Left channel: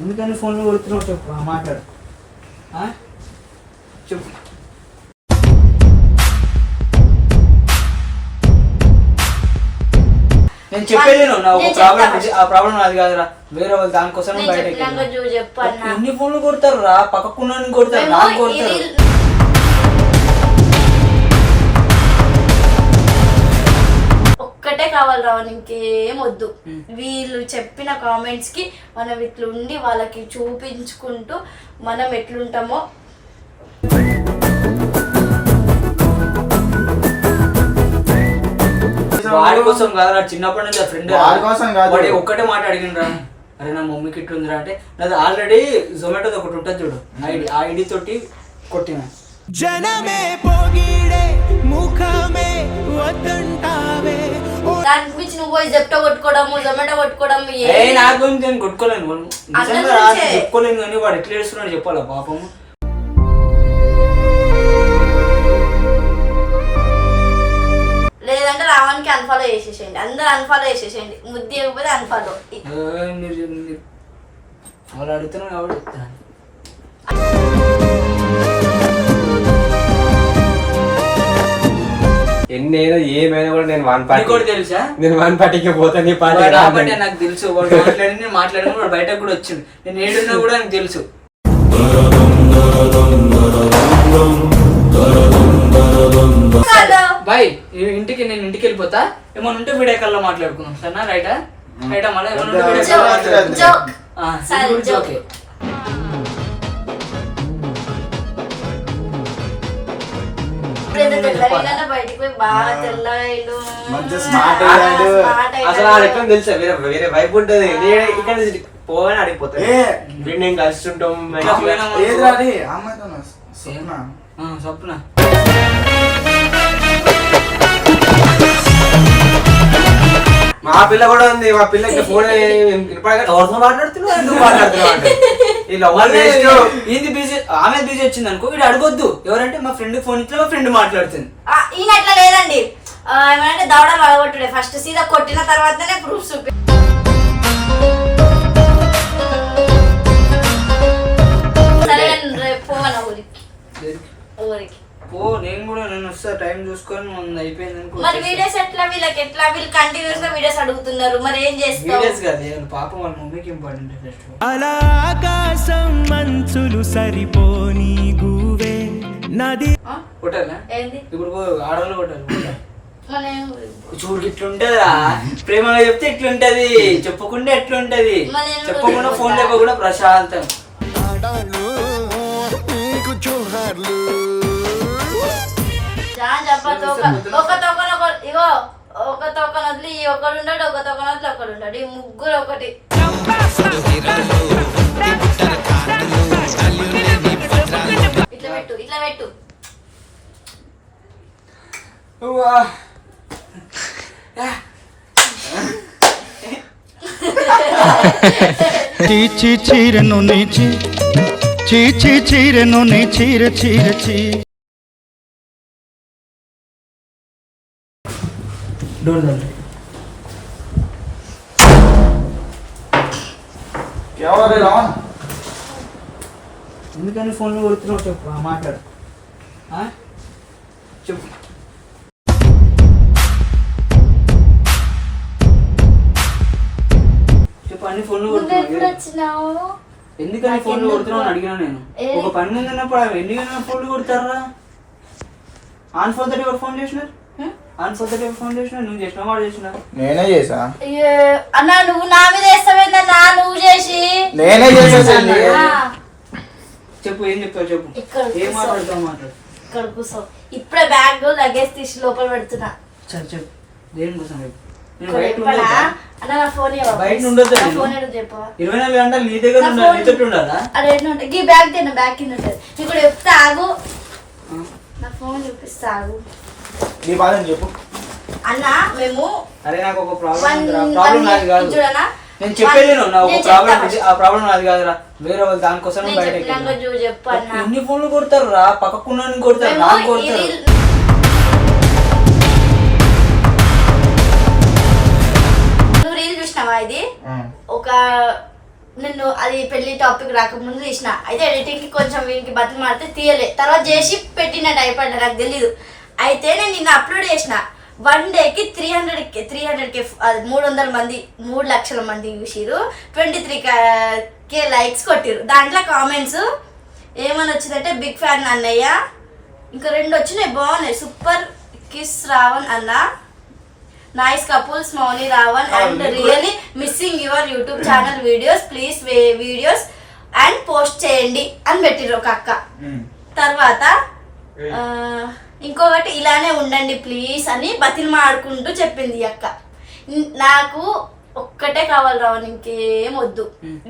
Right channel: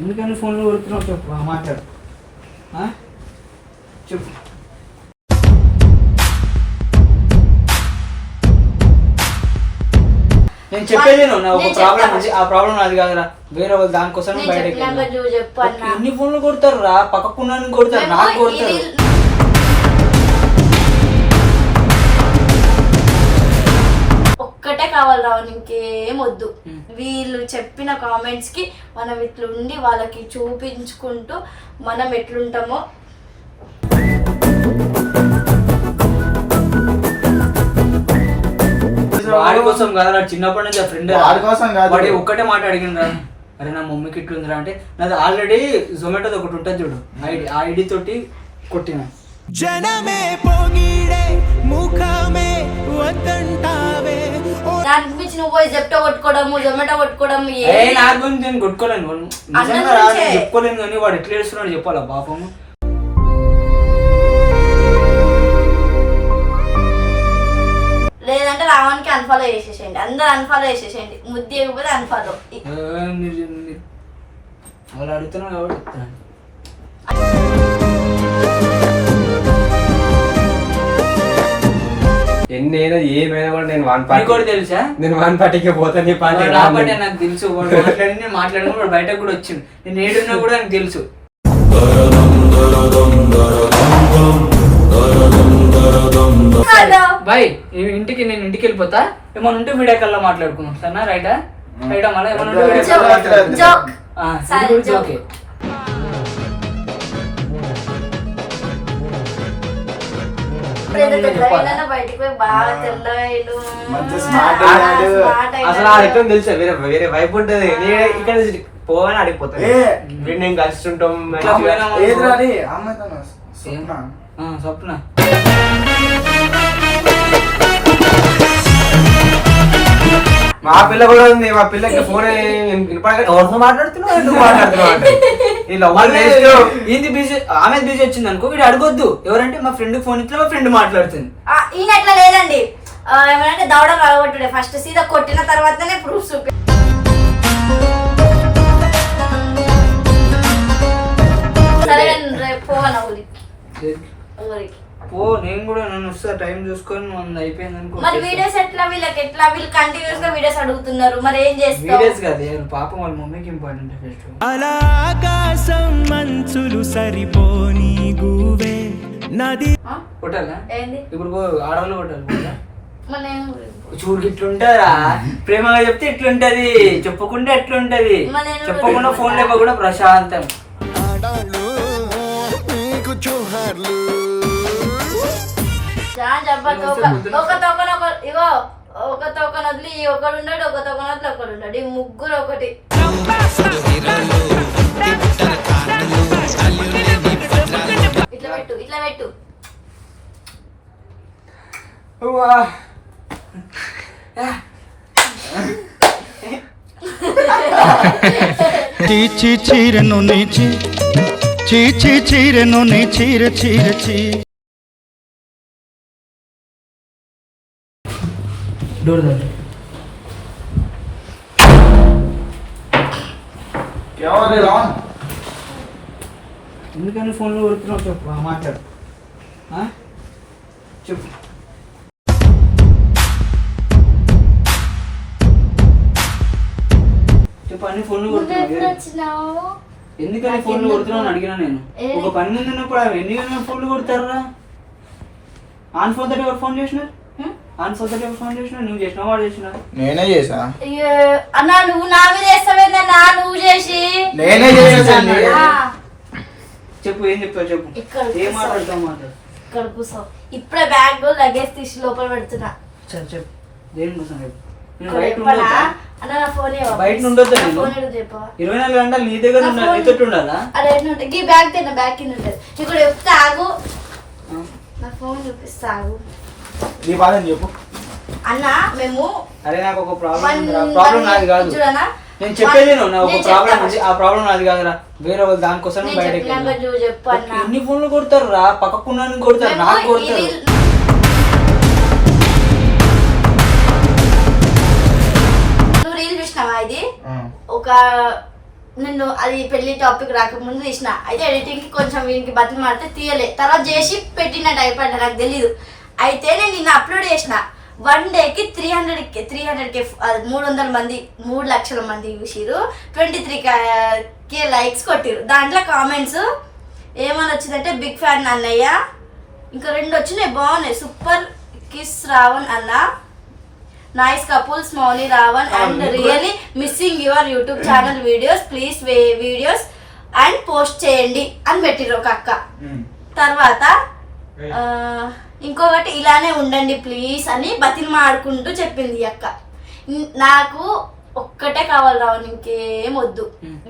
ఎందుకని ఫోన్లో కొడుతున్నావు చెప్పు మాట్లాడు చెప్పు. నేను చెప్పేది నా ఒక ప్రాబ్లం ఉంది, ఆ ప్రాబ్లం నాది కాదురా, వేరే వాళ్ళు దానికోసం బయటకి ఎన్ని ఫోన్లు కొడతారు రా, పక్కకున్న కొడతారు, నాకు కొడతారు. ఒక్కటే కావాలి రావు, ఇంకేం వద్దు. వీళ్ళు చెప్పిన కామెంట్స్ కి మనం ఇట్లుండి వాళ్ళకి చూపించుకుంటూ మనం ఎట్లుంటామో వాడి కోసం కాదు, చిన్నప్పటి నుంచి ఆ ఫ్రెండ్ వాడి ఒక్కటే మాట అడిగిన రా, అరే నా మమ్మీకి ఇట్లుందిరా అంటే, నాది ఆల్రెడీ జొమాటోది ఒకటి ఉంటుంది చూడు, ఆ ఐడి తోటి కొట్టిన. జనమే పోగిడే ముఖమే వద్దంటావే దాని గురించి నువ్వు పోయి జెప్టో కొట్టుకోవడము, జొమాటో కొట్టుకోవడము. నా గురించి నేను కొట్టుకోలేను, చెప్పుకోలేను, కానీ వాడు ఎట్లా చేస్తున్నాడు చెప్పాలా పాపము. లేదంటే రావానికి అన్ఫాలో చేసేసేయండి, అందరు అన్ఫాలో చేసేసేయండి, ముద్దు ఇవ్వకపోతే అన్ఫాలో. వాళ్ళు అడుగుతున్నావు కాబట్టి చెప్తాను. ఎన్నైనా ఏమైనా కూడా నేను వన్ పార్టీ కూడా తెలుసా, నేను వన్ పార్టీకి పోతాను. నాకు తెలుసు, వాడు మాట్లాడిన వాడు బయటకు కూడా వచ్చింది, నేను ఏడున్నా కూడా నాకు తెలుసు. బాయ్ ఇంటికి, నేను ఇంటికి వెళ్ళిపోతా, ఏమన్నా ఉంటే వీడియో కాల్లో మాట్లాడుకున్నాం సరేనా? రైటా రైటా మళ్ళీ ఏమన్నా ఉంటే వీడియో కాల్ మాట్లాడుకుందాం. ఓకే అసలు ఆడెక్కడ తెలుసా, వేరే వేరే వైపు ఉంటది, ఇక్కడ పోగానే ఆడిపోతాను. నేను కలిసి ఉంటాం. స్వప్న మా పిల్ల కూడా ఉంది, మా పిల్లకి ఫోన్ ఎవరితో మాట్లాడుతున్నావు ఏంది బిజీ, ఆమె బిజీ వచ్చింది అనుకో, వీడు అడగొద్దు ఎవరంటే మా ఫ్రెండ్ ఫోన్ ఇట్లా మా ఫ్రెండ్ మాట్లాడుతుంది. ఈయన అట్లా లేదండి, ఏమంటే దవడ అలగొట్టుడే, ఫస్ట్ సీదా కొట్టిన తర్వాతనే ప్రూఫ్ చూపి. సరే పోవాలా ఊరికి పో, నేను కూడా నన్ను వస్తా, టైం చూసుకొని మనం అయిపోయింది అనుకో. మరి వీడియోస్ ఎట్లా, వీళ్ళకి ఎట్లా, వీళ్ళు కంటిన్యూస్ గా వీడియోస్ అడుగుతున్నారు, మరి ఏం చేస్తారు? వీడియోస్ కాదు పాపం, వాళ్ళ మమ్మీకి ఇంపార్టెంట్ ఫస్ట్. అలా ఆకాశం మంచులు సరిపోని గువే నది కొట్టాలా ఏంది ఇప్పుడు ఆడవాళ్ళు కొట్టాలి. చూడు ఇట్లుంటదా, ప్రేమగా చెప్తే ఇట్లుంటది, చెప్పకుండా ఎట్లుంటది, చెప్పకుండా ఫోన్ లేకుండా ప్రశాంతం. ఇగో ఒక తోకన వదిలి ఒకడు ఉన్నాడు, ఒక తోకన వదిలి ఒకడు ఉన్నాడు, ఈ ముగ్గురు ఒకటి. ఇట్లా పెట్టు, ఇట్లా పెట్టు. చీచి చీరను నీచి, చీచి చీరను నీ చీర చీర చీ. ఎందుకని ఫోన్లో కొడుతున్నావు చెప్పు మాట్లాడు చెప్పు. చెప్పు అన్ని ఫోన్లు కొడుతున్నావు, ఎందుకని ఫోన్లు కొడుతున్నావు అని అడిగినా నేను. ఒక పని ముందు ఉన్నప్పుడు ఎన్ని ఫోన్లు కొడతారా? ఆన్ ఫోర్ థర్టీ ఎవరు ఫోన్ చేసినారు? ఫోన్ చేసినా నువ్వు చేసినా వాడు చేసినా? నేనే చేసా అన్నా, నువ్వు నా మీద వేస్తావేందన్నా, నువ్వు చేసి నేనే చేసా. చెప్పు ఏం చెప్పావు చెప్పు, ఏం మాట్లాడతావు మాట్లాడు. ఇక్కడ కూర్చో, ఇప్పుడే బ్యాగ్ లగేజ్ తీసి లోపల పెడుతున్నా. చెప్పు దేనికోసం చెప్పు. బయట ఉండొద్దు, 24 గంటలు నీ దగ్గర నీతో ఉండాలా? అరే ఈ బ్యాగ్ తిన్న బ్యాగ్ కింద ఉంటుంది, ఇక్కడ చెప్తే ఆగు, నా ఫోన్ చూపిస్తా ఆగు. నీ బాధ చెప్పు అన్నా. మేము అరే నాకు ఒక ప్రాబ్లం నాది కాదు, నేను చెప్పేది నా ఒక ప్రాబ్లం ఉంది, ఆ ప్రాబ్లం నాది కాదురా, వేరే వాళ్ళు దానికోసం బయటకి ఎన్ని ఫోన్లు కొడతారు రా, పక్కకున్న కొడతారు, నాకు కొడతారు. ఇది ఒక నేను అది పెళ్లి టాపిక్ రాకముందు తీసిన, అయితే ఎడిటింగ్ కి కొంచెం వీనికి బతికి మాడితే తీయలే, తర్వాత చేసి పెట్టినట్టు అయిపోయింది, నాకు తెలీదు. అయితే నేను నిన్న అప్లోడ్ చేసిన, 1 డేకి 300K 300 మంది 3 లక్షల మంది చూసిరు, 23K లైక్స్ కొట్టిరు. దాంట్లో కామెంట్స్ ఏమని వచ్చిందంటే బిగ్ ఫ్యాన్ అన్నయ్య, ఇంకా 2 వచ్చినాయి బాగున్నాయి, సూపర్ కిస్ రావణ్ అన్న, nice couples Mouni Ravan and really missing your YouTube channel videos, please videos and post చేయండి అని పెట్టిరు ఒక అక్క. తర్వాత ఇంకొకటి ఇలానే ఉండండి ప్లీజ్ అని బతిమాడుకుంటూ చెప్పింది ఈ అక్క. నాకు ఒక్కటే కావాలి రావణ్, ఇంకేం వద్దు.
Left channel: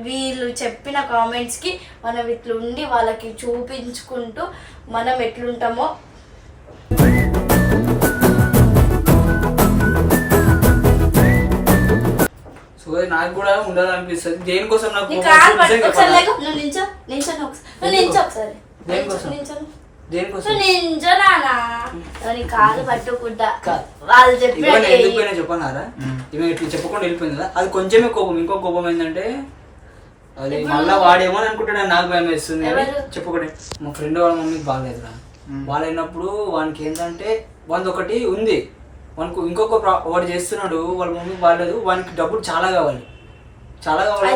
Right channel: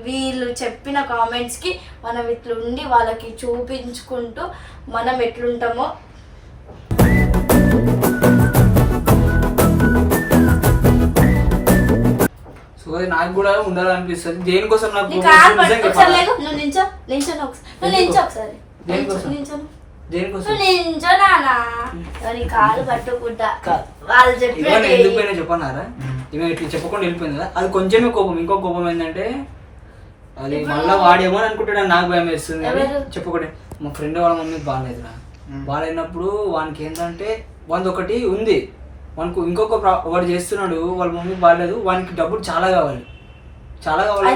వీళ్ళు చెప్పిన కామెంట్స్ కి మనం ఇట్లుండి వాళ్ళకి చూపించుకుంటూ మనం ఎట్లుంటామో నాకు కూడా ఉండాలనిపిస్తుంది. దేనికోసం నాకు కాలు పట్టుకుంటా వాళ్ళు ఎందుకు చెప్పన్నారా, ఈమె ఇట్లా చెప్పకుండా వెళ్ళిపోయింది కదా, అది కొంచెమే కోపం. ఇంకో కోపం ఏంటంటే అది మళ్ళా వాడేమో అనుకుంటాడు, నాకు భయం వేస్తుంది. చెప్పకూడదు, మా ఫ్రెండ్ వాళ్ళ మమ్మీకి బాగాలేదురా, బాగాలేనప్పుడు వానికి ఏంటంటే వానికి ఒకటి ఉంది, వానికి ఇంకొక వాడు చేస్తున్నాడు, వాళ్ళ మమ్మీకి బాగాలేదు, వానికి డబ్బులు చాలా కావాలి, చాలా కావాలి.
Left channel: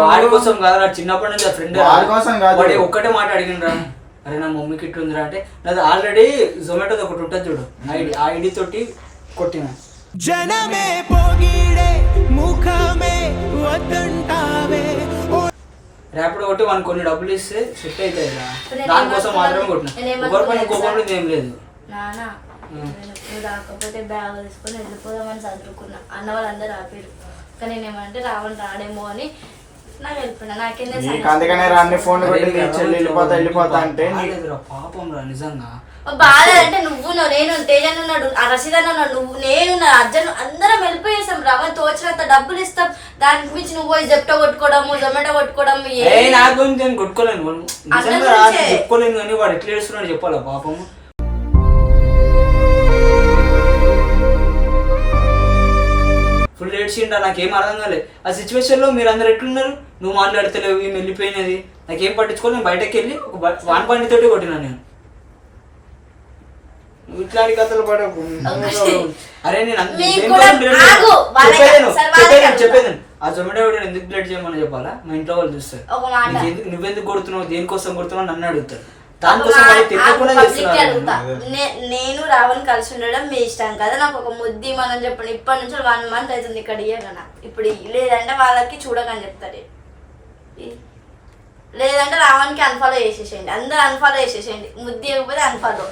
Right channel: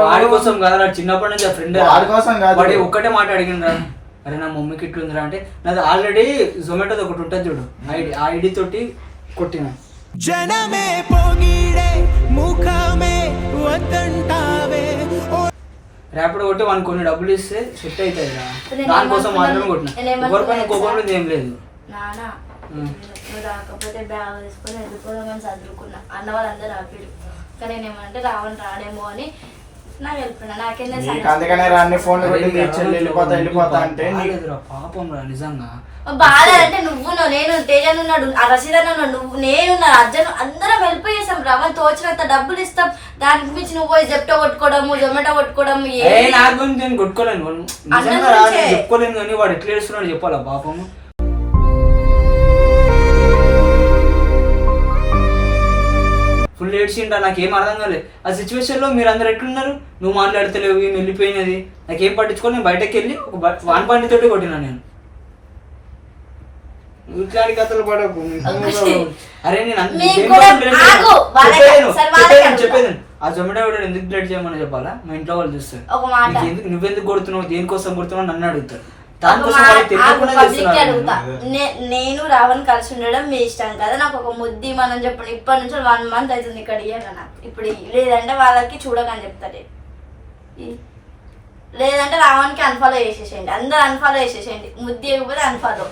వాడి కోసం కాదు, చిన్నప్పటి నుంచి ఫ్రెండ్ వాడి ఒక్కటే మాట అడిగినరా, అరే నా మమ్మీకి ఇట్లుందిరా అంటే, నాది ఆల్రెడీ జొమాటోది ఒకటి ఉంటుంది చూడు, ఆ ఐడి తోటి కొట్టిన. జనమే పొగిడే ముఖమే వద్దంటావే, ర్యాపిడో కొట్టి వానికి కొన్ని డబ్బులు ఇస్తే సెట్ అవుతాయి, దానికోసం మాత్రమే కొట్టిన, ఎవరి పైన కోపంలో ఏం లేదు. రాకపోతే బ్యాగ్ తీసుకొని వెళ్ళిపోదామని చదువుకున్నా, అన్న వాళ్ళందరూ ఆపారు, కానీ నేనేమంటే రావణ్ రాడేమో అని నాకు వెళ్ళిపోయినా. పాపం రా నిజంగా బాధ అంటే నువ్వు నేను తేజన్ ఉన్నాడు, ఆ రసీదన్ ఉన్నాడు, నువ్వు నేను అర్జున్ అందరం వెళ్ళిపోయేసాం. రవణ్ తోచినంత డబ్బులు ఇస్తాం, దానికి మించి నువ్వు పోయి జెప్టో కొట్టుకోవడము జొమాటో కొట్టుకోవడము నాకు గురించి నేను కొట్టుకోలేను, చెప్పుకోలేను, కానీ వాడు ఎట్లా చేస్తున్నాడు చెప్పాలా పాపము. ఫుల్ ఏడ్చిండా, నాకేం అర్థం కాలేదు ఆ సిచ్యువేషన్ లో. మీరు అందరు ఎట్లున్నారు, నువ్వు మాట్లాడతలేవు, ఈమె వెళ్ళిపోయినది, నాకేం పట్టించుకోవాలి. నేను బయటకు వెళ్ళి ఒక వాన్ బండి తోటి కొట్టినా నేను. ఇట్లాంటి కథలు పడకు. అరే నేను చెప్పేది, ఆ జొమాటో ఎందుకు బ్లడ్ చేయమని చెప్పాలా, మా ఇంట్లో వాళ్ళు చూస్తారు, నువ్వెందుకు కొడుతున్నావు, దేనికోసం కొడుతున్నావు నన్ను అడుగుతారు, దానికోసం నేను రావణ్ కలిసి ఉండడం మీ ఇష్టం కదా, నాకు ఒక ముద్ది మనం చెప్పండి. ఇప్పటి నుంచి 1 month అవుతుంది ఇక్కడ ఇయ్యగన, ఇప్పుడు లేదంటే వాళ్ళకి చూడకని చెప్తారు, లేదంటే రావణ్కి అన్ఫాలో చేసేసేయండి, అందరూ అన్ఫాలో చేసేసేయండి, ముద్ది ఇవ్వకపోతే అన్ఫాలో.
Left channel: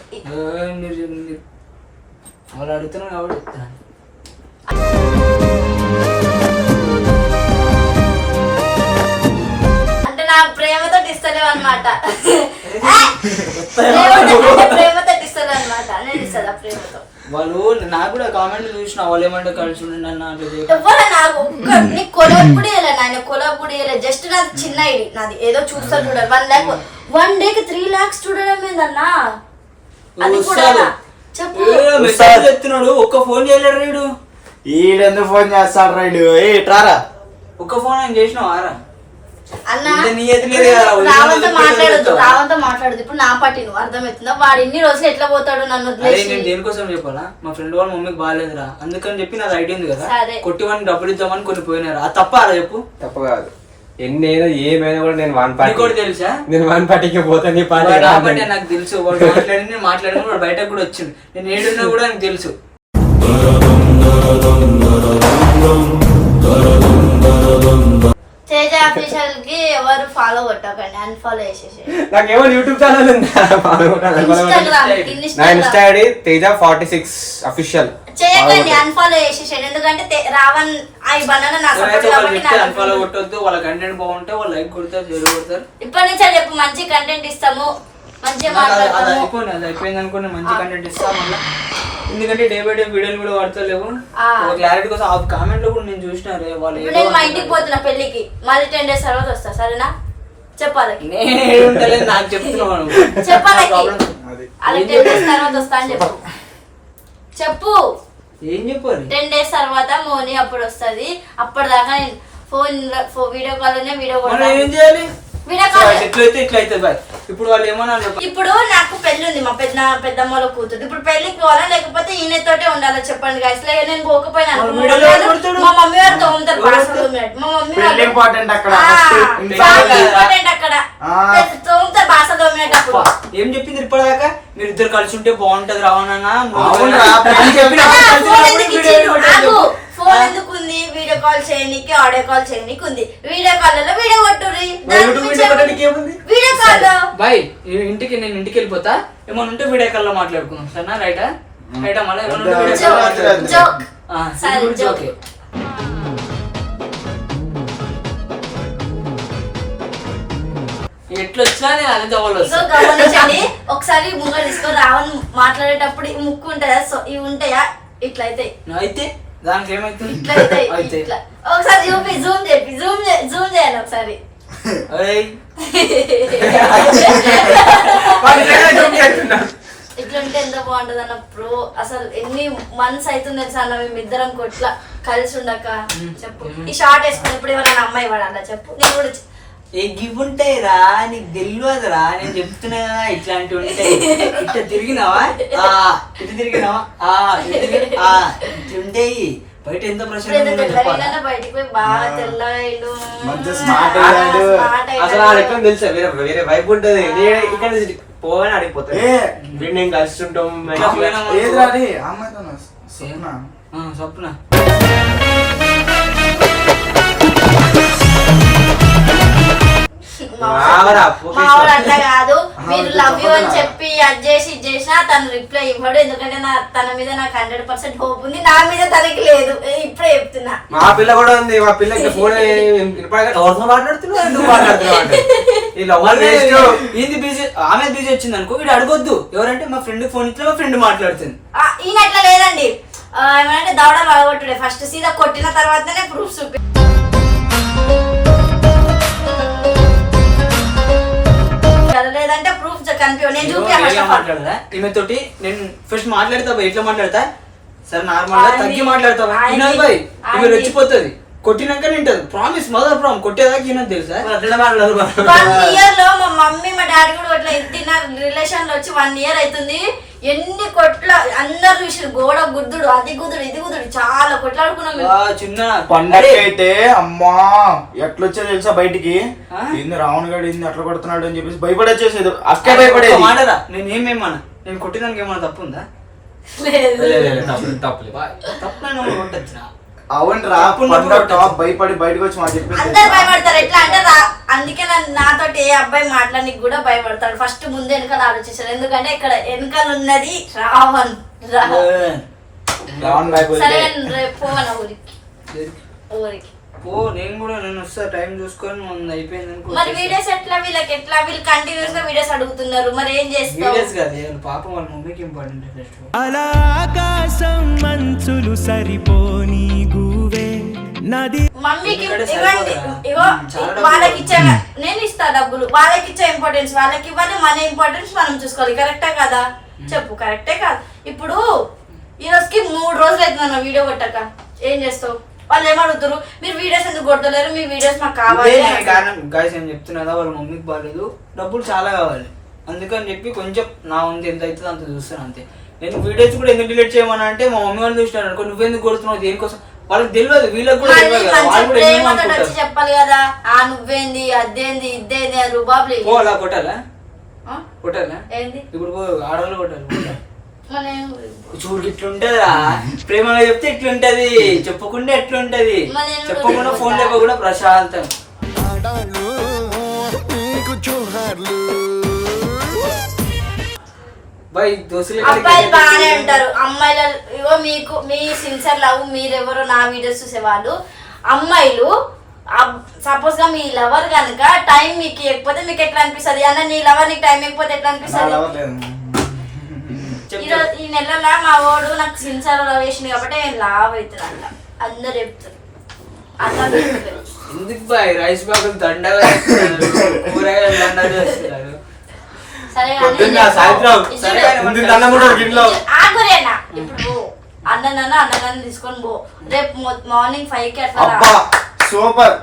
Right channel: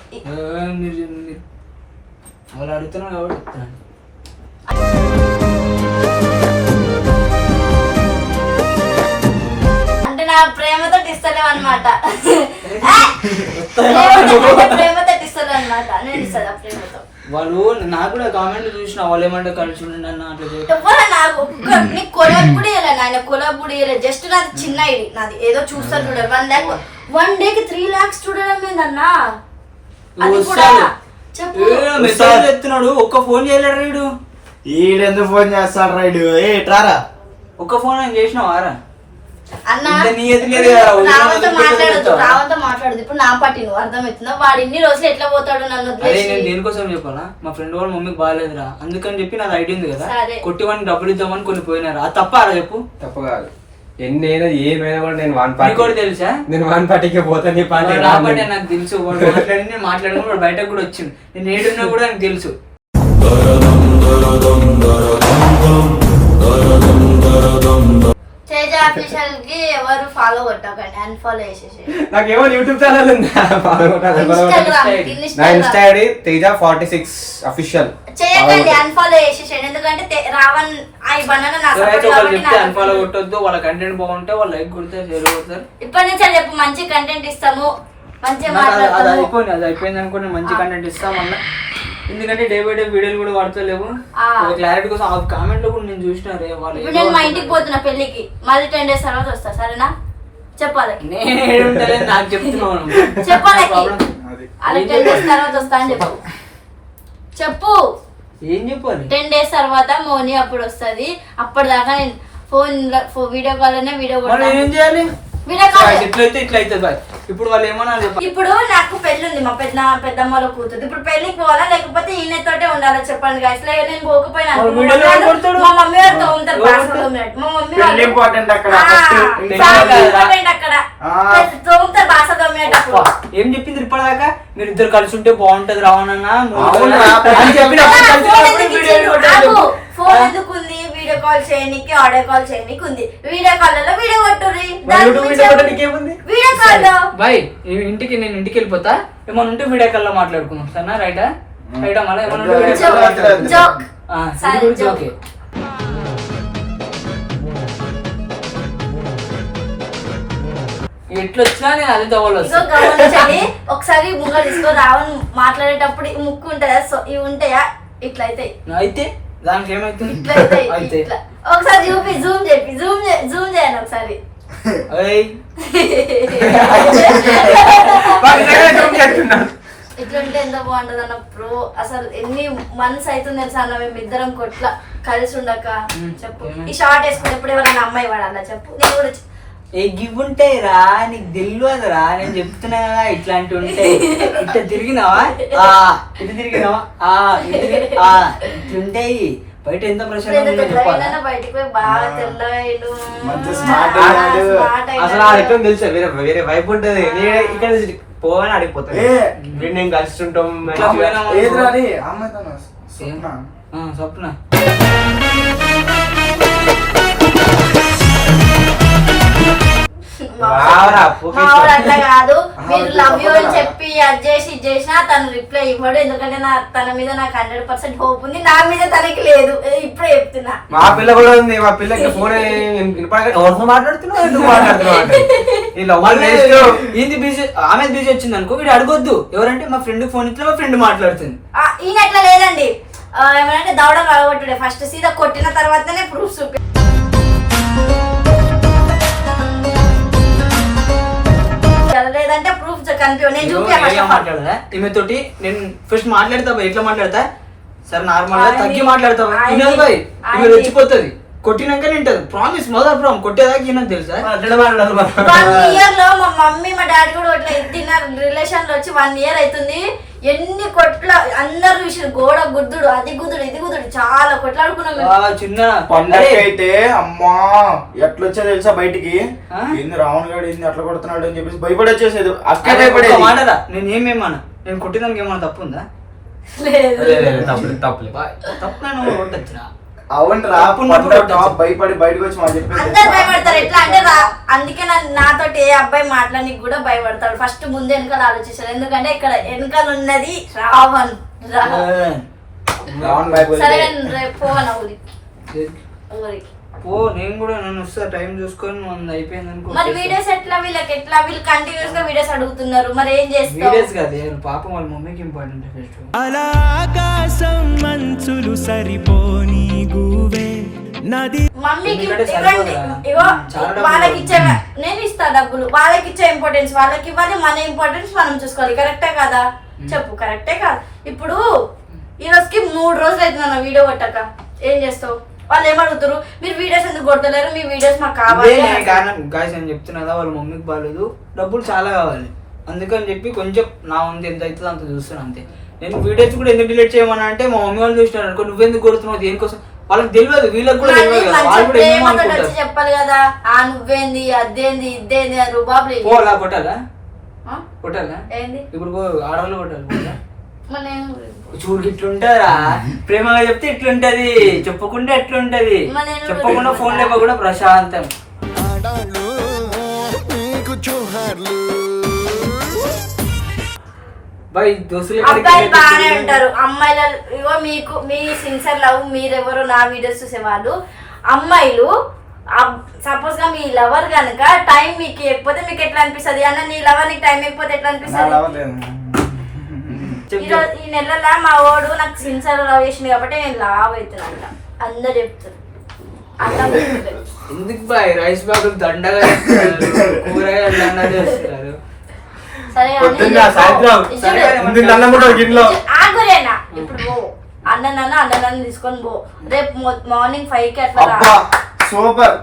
వాళ్ళు అడుగుతున్నావు కాబట్టి చెప్తాను. అంటే నా ప్రేమతో ఇస్తలేవు అనమాట, ప్రేమతో ఇస్తలేవు అనమాట, నేను ఇస్తా ప్రేమతో. వాళ్ళు నాకు కూడా కామెంట్ చూసిన, వాళ్ళు ఏమంటే కలిసి ఉండండి అన్న అట్లా నాకు నీకు కొలాబ్ కూడా ఇవ్వలే, నాయన కొలాబ్ కూడా ఇవ్వలేదు, జస్ట్ నాది చిన్న ఐడి, నాది ఏదో చూస్తారు చూడాలి. 1 lakh 1 డేకి 3 lakhs చూడడం ఏందన్నా, అది కూడా చెప్పు. మెసేజ్ చెప్తున్నాడు, ఒక్క ఫోన్ చేయలేడు వీడు, ఈడెందుకు ఫోన్ చేస్తాడు రైడు, ఏ ట్రారా ఒక్క ఫోన్ ఏం చేసినావు ఆరా రావంతో మాట్లాడదు. ఇప్పుడు నా పార్టీ నువ్వు అర్థమవుతుందా, వాడు ఇన్ని రోజులు ఎట్లా పోతాడు నన్ను. నేను దేనికోసం చెప్పాలా, మా ఫ్రెండ్ వాళ్ళ మమ్మీకి బాగాలేదురా అందుకని చెప్పి నాది ఐడియా ఉంది కదా, కొట్టి వాడిని డబ్బులు ఇద్దామని కొన్ని పోయినారు, అది తప్ప అలా చెప్పు. తప్పు కాదు, ఎన్నైనా ఏమైనా కూడా నేను వన్ పార్టీ కూడా తెలుసా, నేను 1 partyకి పోతాను. నాకు తెలుసు, వాడు మాట్లాడిన వాడు బయటకు కూడా వచ్చింది, నేను ఏడున్నా కూడా నాకు తెలుసు. తేజ అఫీషియల్ కి ఎవరు ఫాలో కొట్టకండి, అన్ఫాలో చేసేసేయండి. నాకేమో యూట్యూబ్ ఛానల్ ఉంది, నా ఇన్స్టా ఐడి తేజ 46 అఫీషియల్ చేయకండి, అన్ఫాలో చేసేసేయండి. ఎందుకంటే రావణ్ ఆ బనానా నాకు అన్ఫాలో కొట్టొద్దు, వాళ్ళ కంటెంట్ బాగుంటే వాళ్ళు లైక్ కొడతారు, షేర్ కొడతారు. ఇప్పటి నుంచి చెప్పు, మంచి కంటెంట్ ఇస్తాము, మంచిగా మాట్లాడతాము. అది అయిపోయింది అనుకో, మంచి కంటెంట్ ఇస్తాం మళ్ళీ, ఎందుకంటే డే బై డే వీడియోలు కూడా వాడతలేవు, క్లారిటీ కోసం. ఆ కామెంట్ లో కూడా నేను చూసిన, వాళ్ళు నేను మా ఇంటికి పోతున్నా పెళ్లికి, మళ్ళీ 10 days తర్వాత వస్తా, సరేనా? చెప్పాలి నాకు చెప్తున్నాను, చెప్పాలి 10 days తర్వాత వస్తా అని చెప్పు. ఏం చెప్పాలి? 10 days తర్వాత మోని అప్పుడు వస్తది. అప్పటిదాకా నేను వీడియో కాల్ లోనే వీడియో ఏం చేయాలి? ఎట్లయితే ఇట్లయితే బాయ్. ఇప్పుడు వాళ్ళు ఏమన్నారు చెప్పండి. ఇప్పుడు నాకు పెళ్లి ఉంది, మా పెద్దమ్మలో కూతురు. ఇప్పుడు పెళ్లికి పోవాలా లేకపోతే ఈయనతోటే ఉండాలా చెప్పండి గైస్. లేక నేను పోకపోయినా మా మమ్మీ వారు తోముతారు, బాసలు తోమినట్టు. మా మమ్మీ వాళ్ళు ఇంపార్టెంట్ అక్కడ తోముతారు, బాసలు తోమినట్టు. ఏం చెప్పింది ఇప్పటిదాకా? మీరు ఇద్దరు కలిసి ఉంటే బాగుంటది రావణన్నా ఫోన్ ఎందుకు ఉంది? వీడియో కాల్ చేయడానికి, ఆడియో కాల్ చేయడానికి ఉంది. వీడియో కాల్ లో వీడియో కొట్టుర్రి. Video call bye. నేను ఇంటికి వెళ్ళిపోతా. ఏమన్నా ఉంటే వీడియో కాల్ లో మాట్లాడుకుందాం సరేనా? రైటా రైటా? మళ్ళీ ఏమన్నా ఉంటే వీడియో కాల్ జోకే. ఎట్లా వచ్చినా నేను అది గమనించండి. ఒకసారి ముంగ తీసుకో రావణ్ మాట్లాడేటప్పుడు ఈ ముక్కు ఉంటుందా, ఇవి ఉంటాయా? ఇట్లా అయితే దానికి ఏమైతుంది? ఇట్లా ఒకసారి చూపి, జూమ్ చెప్పి జూమ్ చేయండి ఒకసారి. ఇట్లుంటే ఎంత బాగుంటది అన్న ప్రో. అసలు ఎన్ని మంత్స్ అవుతుంది తెలుసా అన్న మేమిద్దరం కొట్లా కలిసి ఉండక. చెప్పు, ఈ షార్ట్ వేసుకున్నప్పుడు ఎవరైనా అమ్మాయి వాడాలా చెప్పు? నేను కూడా గివ్ ఉంటాయి రా, నీకు తెలియదురా. నేను చెప్తున్నా కదా ఇట్లాంటివి ఉంటాయి. ఇట్లా తిరిగినావా, ఇటు తిరిగినావా, ఇట్లుంటాయి. బయట ఎంత ప్రశాంతంగా బయటకు పోయి బాగా తెల్లగా అసలు ఆడెక్కడ తెలుసా వేరే వైపు ఉంటది. నేను ఇక్కడ పోగానే ఆడిపోతాను. నేను కలిసి ఉంటాం. స్వప్న అట్లా కాదు. మీరు లవ్ యూ అని చెప్పి అది చేసి ఇది చేసినా తను రిప్లై ఇవ్వడు. ఎందుకంటే తన మీద నాకు 100% హోప్ ఉంది, నా మీద తనకి లేదు. ఇప్పుడే చెప్తున్నా. మా పిల్ల కూడా ఉంది. మా పిల్లకి ఫోన్ మాట్లాడుతున్నావు ఏంది బిజీ? ఆమె బిజీ వచ్చింది అనుకో, వీడు అడగొద్దు. ఎవరంటే మా ఫ్రెండ్ ఫోన్ ఇట్లా మా ఫ్రెండ్ మాట్లాడుతుంది. ఈయన అట్లా లేదండి. ఏమంటే దవడలు అడగొట్టుడే. ఫస్ట్ సీదా కొట్టిన తర్వాతనే ప్రూఫ్ చూపి. లేదంటే ప్రూఫ్ మాట్లాడదా ఈమె తోటి? నేను ఫస్ట్ మాట్లాడతా ఎట్లా మాట్లాడతా? సరే నార్మల్ గా తగ్గి మాట్లాడతావు. ఈమె వచ్చిపోతుంది. కొట్టినాక నింటది. Promise mother promise. కొట్టేదాకా ఈయనకు తెలుసా? మా మమ్మీ మా డాడీ కూడా ఇట్లా తిన్న రిలేషన్ లో వచ్చి 1 year అవుతుంది. ఎన్ని కొట్ల అందరు చూసారు. గోడ గుద్దుడు, అది గుద్దుడు, ఇది గుద్దుడు, చాలా కొట్లాడుకున్నాం. చిన్న పండగ అయితే అమ్మా ఎట్లొచ్చా తెలుసా బయటికి? ఏంది రావణ్ గారు ఏంది అట్లా కొడుతున్నాడు అని చెప్పేసి భయపడి వచ్చేసేది. అక్కడ భయపడేది. మాటరా నేను ఏమేమన్నా? నేను కొట్టిదానికి ఏమన్నా తప్పు ఉందా? తప్పు కొట్టచ్చురా. అవునరా భయపడి బయటకు వచ్చి మా చెప్పి అందరు భయపడతారు. ఎట్లా అంటే అందుకే నాతోటి ఏ అబ్బాయి మాట్లాడానికి కూడా భయపడతాడు. ఫస్ట్ ముందు వెనకాల ఆలోచిస్తాడు. ఎందుకంటే ఇక్కడ వెనకాల ఉన్నది రావణ్. సరే పోవన్న ఊరికి పో. నేను కూడా నన్ను వస్తా టైం చూసుకొని అయిపోయింది అనుకో. మరి వీడియోస్ ఎట్లా? వీళ్ళు కంటిన్యూస్ గా వీడియోస్ అడుగుతున్నారు. మరి ఏం చేస్తారు? వీడియోస్ కాదు పాపం వాళ్ళ మమ్మీకి ఇంపార్టెంట్. అలా ఆకాశం మంచులు సరిపోని గువే నది. మమ్మీకి ఇవ్వండి. ఇగో వాళ్ళకి ఇచ్చా, నేను ఇస్తా డబ్బులు. వాళ్ళకి ఇచ్చే ఇంపార్టెన్స్ వాళ్ళకి ఇవ్వాలి. మన ఇంపార్టెన్స్ మనం చూసుకోవాలి. కరెక్టే కదా చెప్పు? కరెక్టే కాదు? ఇప్పుడు ఈ రోజుకి 3 రోజులు అవుతుంది నా వీడియో కొట్టక. ఏం చేస్తావు? వాళ్ళు ఏమడుగుతారు, మీరు వీడియోస్ ఎందుకు కొడతలేరు? మీ వీడియోస్ మాకు కావాలి. గాయస్ నేను చెప్తున్నా కదా, వాళ్ళ మమ్మీకి బాగాలేదు, డబ్బులు చాలా కావాలి. అందుకని చెప్పి కొంచెం నా ఉంది ఎంత అవుతుందో అంత చూస్తాను అంతే. నేను వీడియోస్ కూడా ఎందుకు డిలీట్ చేయమని అంటే మా మమ్మీ వాళ్ళు చూసినారు అనుకో, నువ్వెందుకు కొడుతున్నావు దేనికోసం? వాళ్ళకి తెలియదు, వీళ్ళకి కూడా తెలియదు కదా. వాళ్ళు కూడా ఏమనుకుంటారు చెప్పాలి కదా. నువ్వేంది అదేంది ఇదేంది అని రుబాబులు. అలా కొట్టాలా? కొట్టాలా? ఇప్పుడు ఆడవాళ్ళు కొట్టాలి. చూడు ఇట్లుంటారా? ప్రేమగా చెప్తే ఇట్లుంటది, చెప్పకుండా ఎట్లుంటది. చెప్పకుండా ఫోన్ లేకుండా ప్రశాంతం. అబ్బాయిలు బాగానే ఉంటారు. అమ్మాయిల ఇగో మీకు మీ సిన్సియర్ లవ్ మీరెవరు నా వీడియోస్ చూసేవాళ్ళు. అమ్మాయిలు సపోజ్ గా మీ లవర్ కనుక టైం మీకు ఇవ్వకపోతే మీకు ఎట్లా అనిపిస్తుంది? అన్న నీ లవర్ నీకు టైం ఇవ్వకపోతే ఎట్లా అనిపిస్తుంది? ఈ నెలలో మా వాడు నాకు సిన్సియర్ లవ్ చేసింది కాబట్టి నేను లావ్ అవుతున్నాను. అందరు చెప్తారు. ఎందుకు బాయ్ రైస్ బాబులు దండగా కూరగాయలు దండగా చేస్తున్నారు. సరే ఇప్పుడు అన్నదాన్ని తీసుకొని పో. రేపు మార్నింగ్ 5కి అట్లా రా. అబ్బా సూపర్.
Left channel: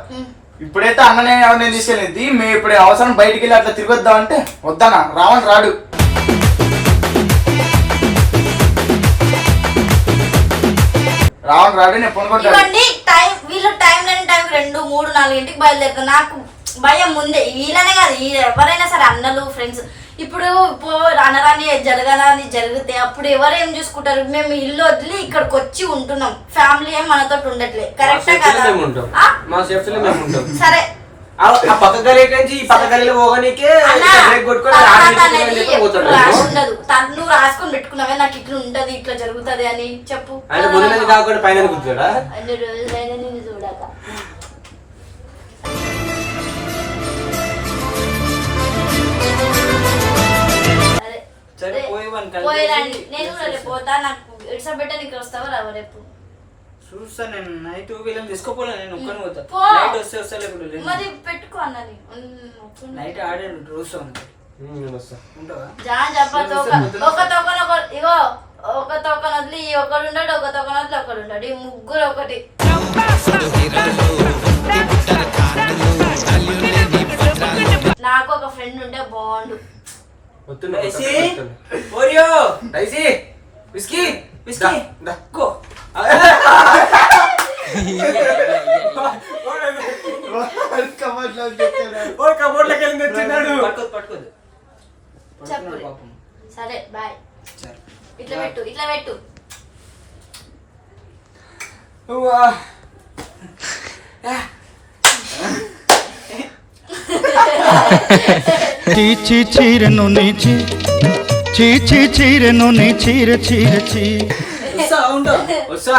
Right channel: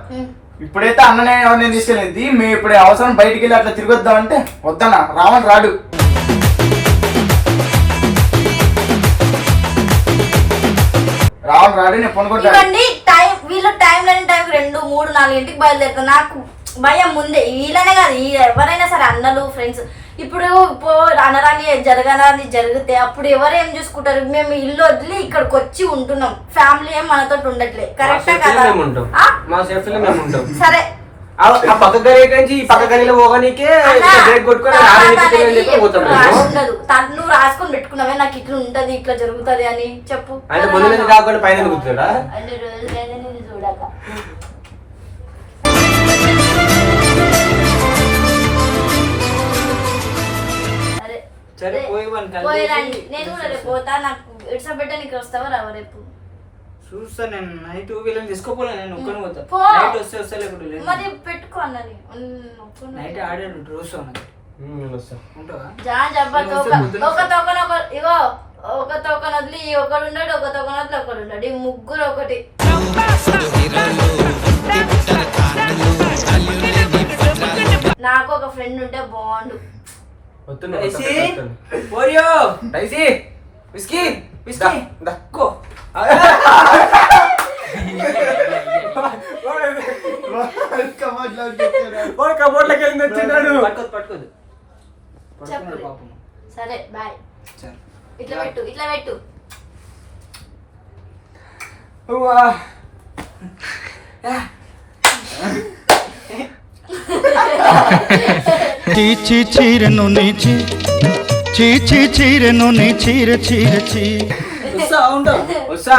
ఇప్పుడైతే అన్ననే ఎవరిని తీసుకెళ్ళింది, మేము ఇప్పుడు అవసరం బయటికి వెళ్ళి అట్లా తిరిగొద్దాం అంటే వద్దన్నా, రావని రాడు. రావని రాడు, నేను పొనుకుంటాను. ఇవ్వండి టైం, వీళ్ళ టైం లేని టైం 2, 3, 4 ఇంటికి బయలుదేరుతారు. నాకు భయం ముందే, వీళ్ళనే కాదు ఎవరైనా సరే, అన్నలు ఫ్రెండ్స్. ఇప్పుడు అనరాని జరగరాని జరిగితే అప్పుడు ఎవరు ఏం చూసుకుంటారు? మేము ఇల్లు వదిలి ఇక్కడికి వచ్చి ఉంటున్నాం, ఫ్యామిలీ ఏం మనతో ఉండట్లే. కరెక్టే కదా? సరే ఆ పక్క గల్లీ నుంచి ఈ పక్క గల్లీలో పోగానికే బ్రేక్ కొట్టుకొని ఉండదు. నువ్వు రాసుకొని పెట్టుకున్నావే నాకు ఇట్లా ఉంటది, ఇట్లా జరుగుతది అని చెప్పు. అంటే ముందు నుంచి కాకుండా పైన కూర్చోడా? అన్ని రోజులైనా నేను చూడక. సరే పోయిరండి, నేను కూడా రేపు పోతా. నాకు ఇడ్సబెట్ట నీకు వస్తావా రావా రేపు? చూస్తా నేను. నైట్ వీళ్ళని తీసుకోపోలే, నేను ఒక్కని పోతా. పో. నైట్ వస్తే లేకుండా మరి పెట్టుకో అన్నది. నైట్ ఆడాను రోజు ఉంటావా? ఒక తోకన ఇగో, ఒక తోకన వదిలి ఒకడు ఉన్నాడు, ఒక తోకన వదిలి ఒకడు ఉన్నాడు, ఈ ముగ్గురు ఒకటి. నాకు ఒక ఫ్రెండ్ ఉంటే బాగుండు. పట్టుకోదు. సరే బాయ్. ఇట్లా పెట్టు, ఇట్లా పెట్టు. చీచి చీరెను నీచి చీచి చీరెను నీ చీర చీర చీ వస్తా